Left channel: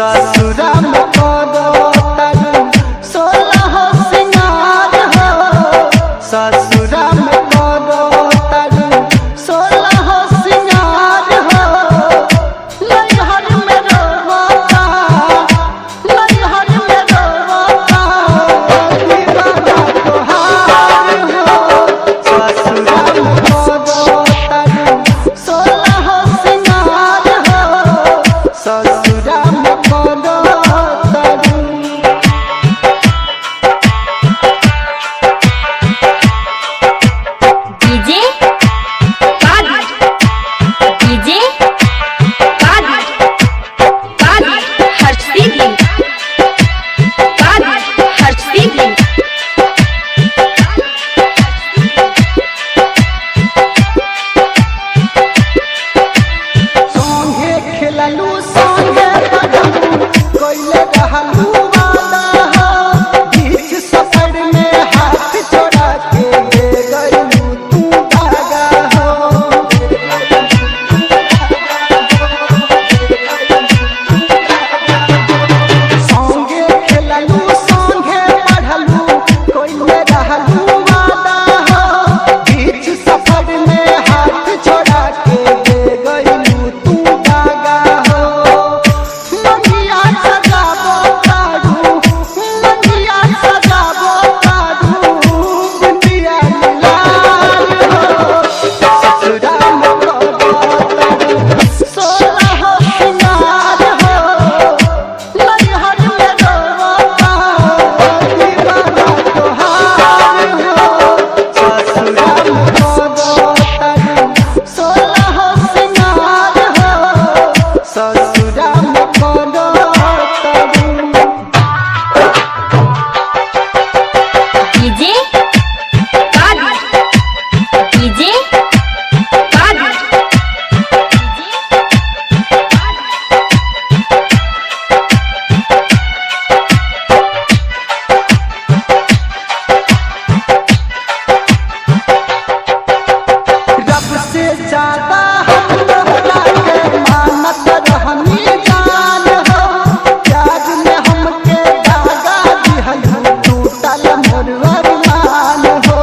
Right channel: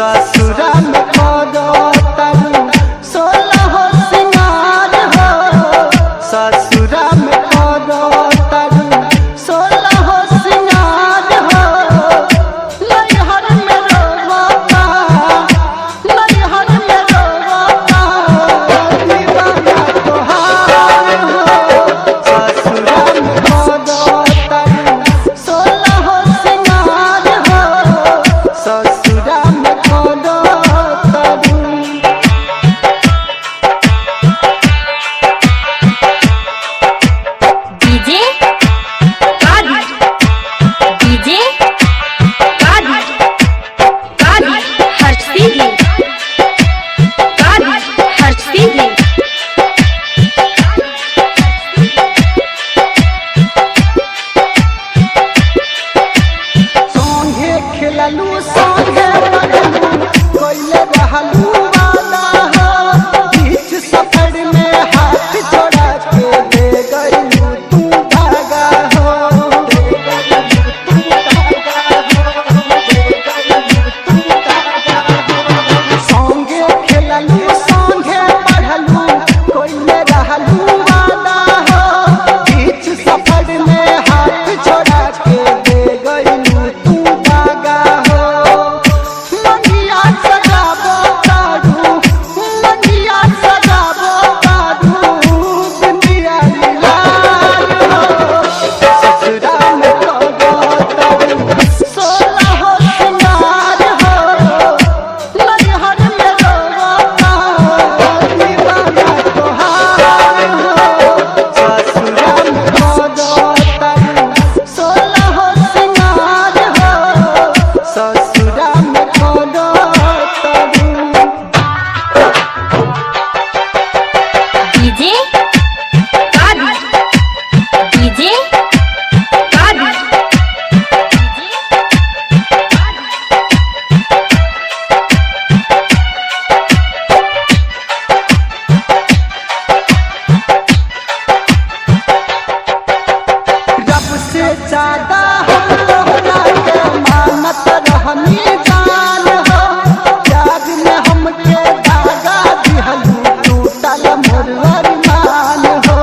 ससुरा में करो तारू 16 सिंगार हो। ससुरा में करो तारू 16 सिंगार हो। नैहर में रोता, नैहर में रोता दीवाना तोहार हो। ससुरा में करो तारू 16 सिंगार हो। ससुरा में करो तारू। डीजे कादी, डीजे कादी, कादी हर्षी दी, कादी हर्षी दी। संगे खेललू संगे पढ़लू कोइले रहलू वादा हो। बीच सफर में हाथ छोड़ा के दे गइलू तू धागा हो। संगे खेललू संगे पढ़लू कोइले रहलू वादा हो। बीच सफर में हाथ छोड़ा के दे गइलू तू धागा हो। मंगिया सजाबो तारू, मंगिया सजाबो तारू बिंदिया लीलार हो। ससुरा में करो तारू 16 सिंगार हो। नैहर में रोता दीवाना तोहार हो। ससुरा में करो तारू 16 सिंगार हो। ससुरा में करो तारू। डीजे कादी, डीजे कादी। रब से ज्यादा हम तोहरा के मानत रहनी जान हो। प्यार में हमके दागा दिहलू टूटल मोर अरमान हो।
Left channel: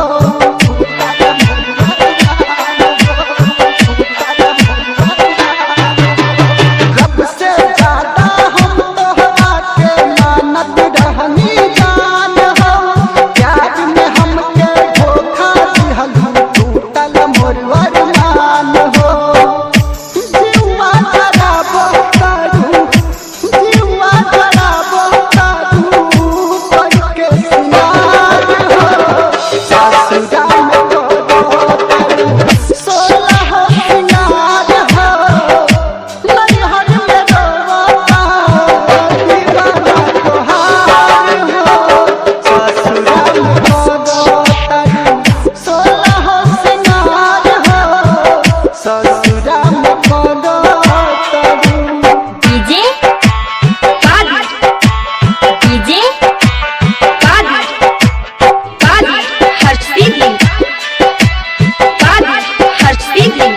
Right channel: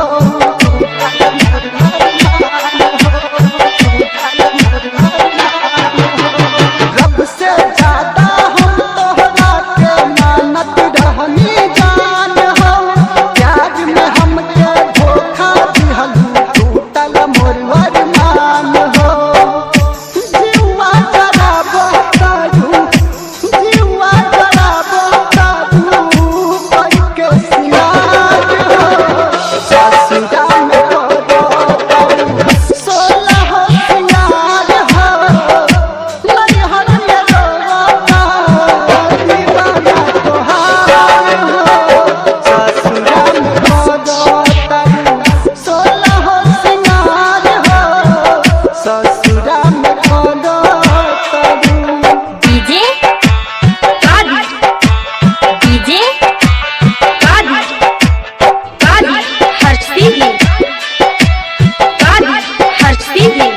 टूटल मोर अरमान हो, टूटल मोर अरमान हो। रब से ज्यादा हम तोहरा के मानत रहनी जान हो। प्यार में हमके धोखा दिहलू टूटल मोर अरमान हो। जीवा जराबो तारू, जीवा जराबो तारू करके सिंगार हो। ससुरा में करो तारू 16 सिंगार हो। नैहर में रोता दीवाना तोहार हो। ससुरा में करो तारू 16 सिंगार हो। ससुरा में करो तारू। डीजे कादी, डीजे कादी, कादी हर्षी दी, कादी हर्षी दी।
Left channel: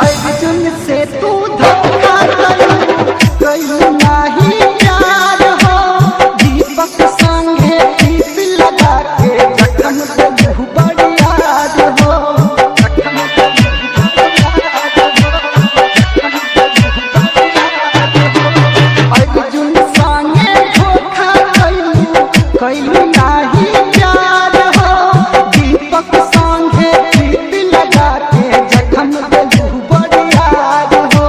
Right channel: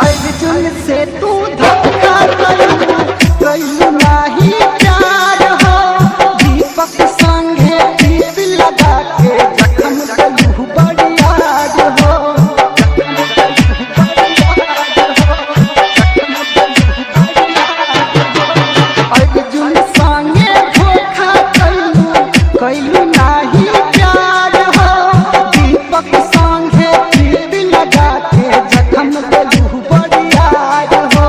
अर्जुन से तू धोखा कइलू, कइलू नाही प्यार हो। दीपक संगे प्रीत लगा के जखम देलू बड़ी याद हो। जखम देलू बड़ी याद हो, जखम देलू बड़ी याद हो। अर्जुन संगे धोखा कइलू, कइलू नाही प्यार हो। दीपक संगे प्रीत लगा के जखम देलू बड़ी याद हो।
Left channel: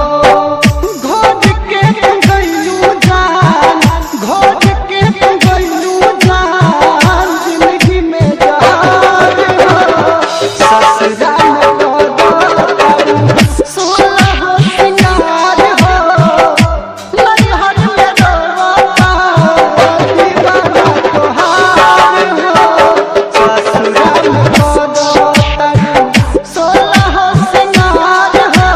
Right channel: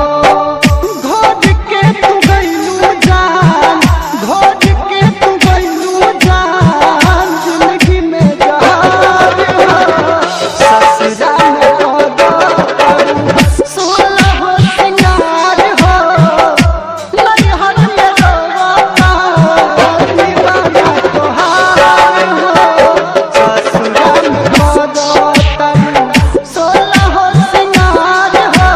घोट के तू गइलू जान, घोट के तू गइलू जान जिंदगी में जहार हो। ससुरा में करो तारू 16 सिंगार हो। नैहर में रोता दीवाना तोहार हो। ससुरा में करो तारू 16 सिंगार हो।